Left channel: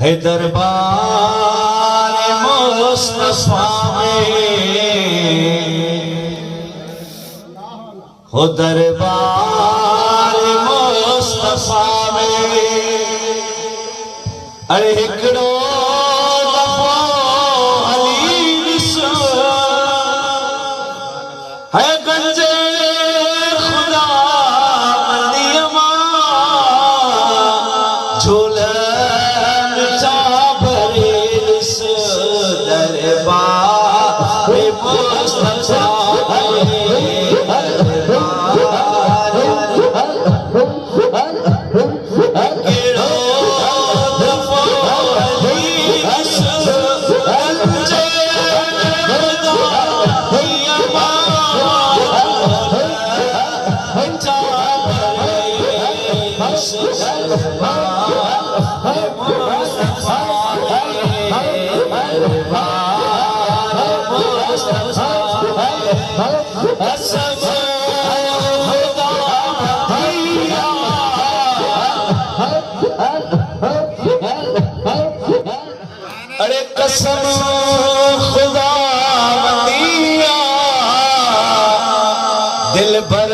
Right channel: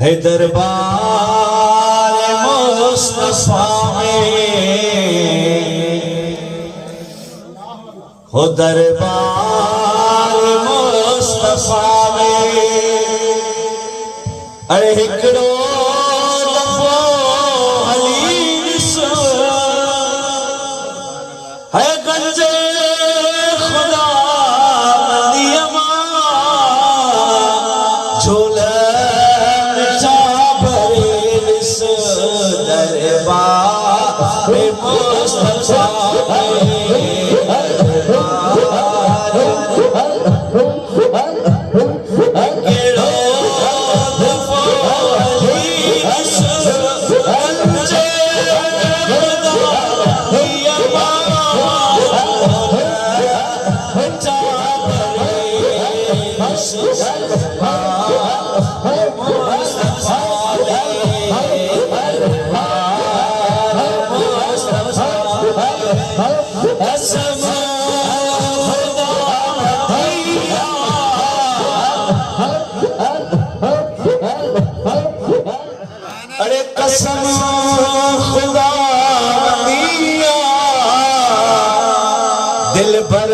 है दरबार मुस्तफा में, हो दरबार मुस्तफा में। अरे हिकड़ो दफ़ो हली ॾिसो, है गंजे खुदा नदीअ मां झोलनि जा भरे ॾिस दरबार मुस्तफा अरे कसम खुदा दिया दिल भर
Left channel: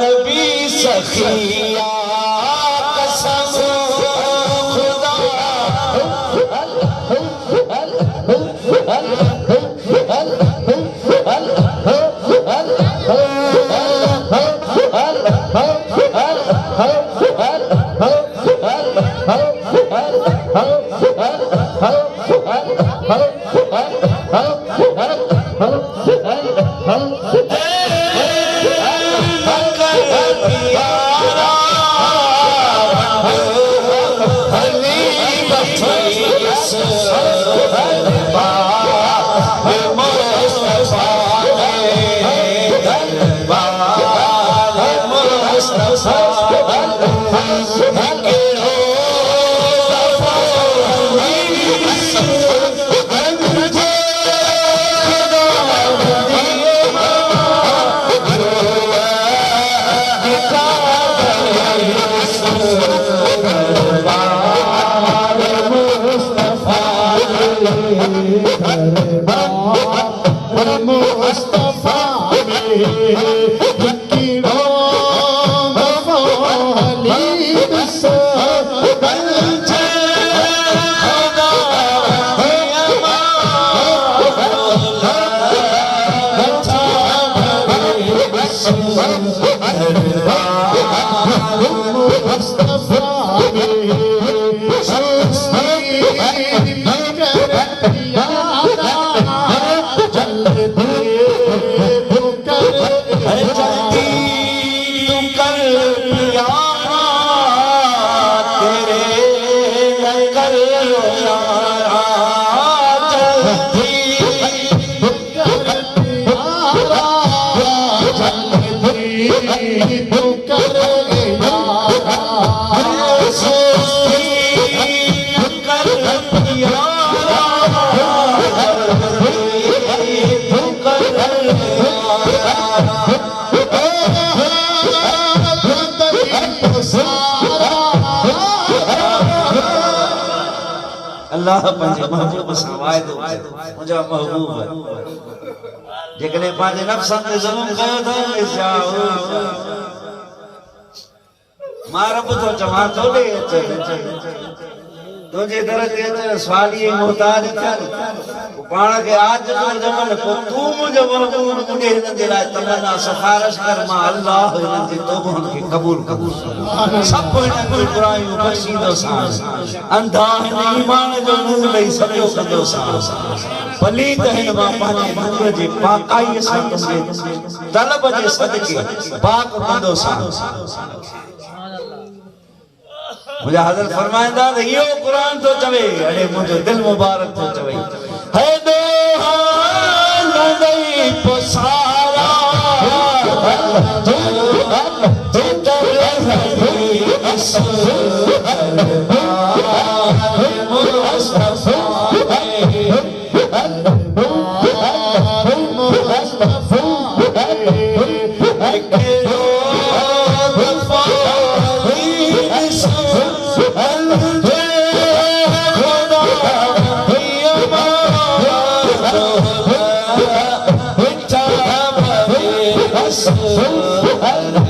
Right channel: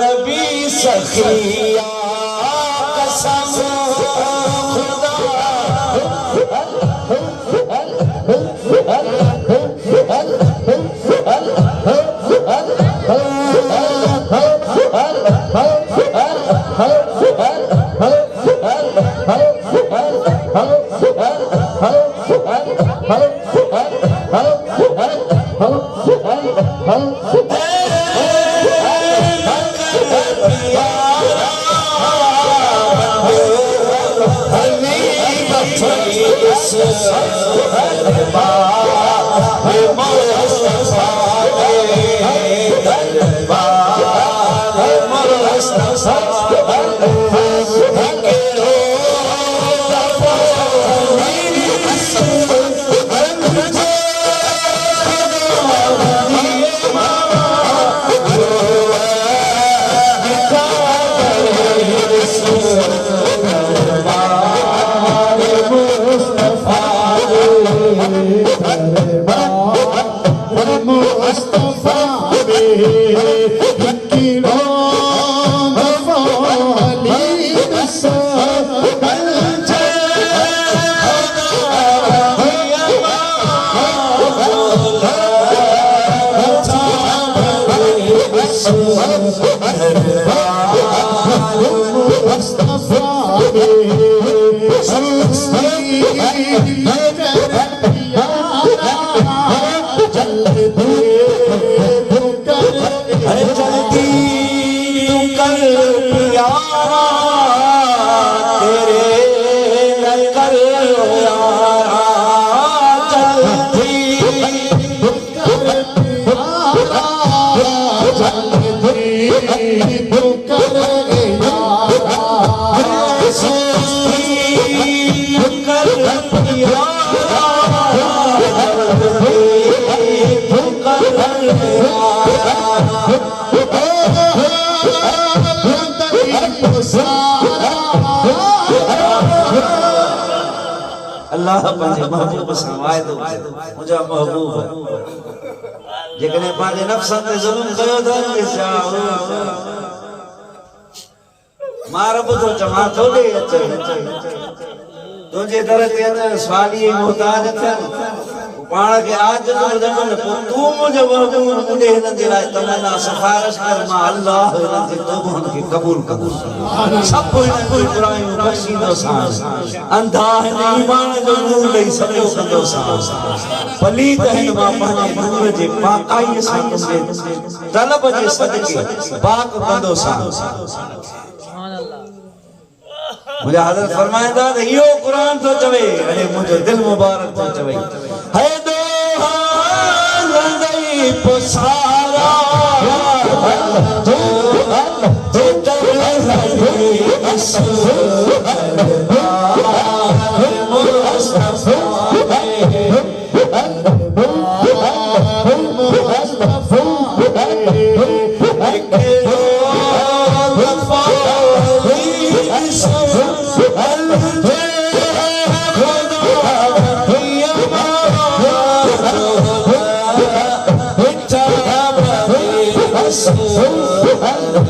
नबी सखिया, कसम खुदा अल्लाह पंहिंजे महबूब सां वाइदो मुंहिंजा महबूब जेकॾहिं पंहिंजे नफ़्स ते ज़ुल्म कयो अथई मां रब थो चवां तो ॾे अच तुंहिंजे दर ते अच स्वाली मोहताज थियनि पाण खे आज ॼमनि पोइ तूं मुंहिंजो महबूब मुंहिंजे हिननि जे लाइ तमन्ना सिफारिश कर मां अल्लाह हिननि जे तौबनि खे क़बूल सभु हिननि जूं बुरायूं बख़्शींदोसां अंधा हिन ईमान जो नूर ॾेई सॼो कंदोसां पलीत हिन मां पंहिंजे नूर जे पाकाईअ सां तलब जे सदके पाक कंदोसां। मुझे हज़रत फरमाइंदा त इहो क़ुरान थो चवे, अरे मुंहिंजो दिल मुबारक थो चवे है दोहान दई पुसारा तो सो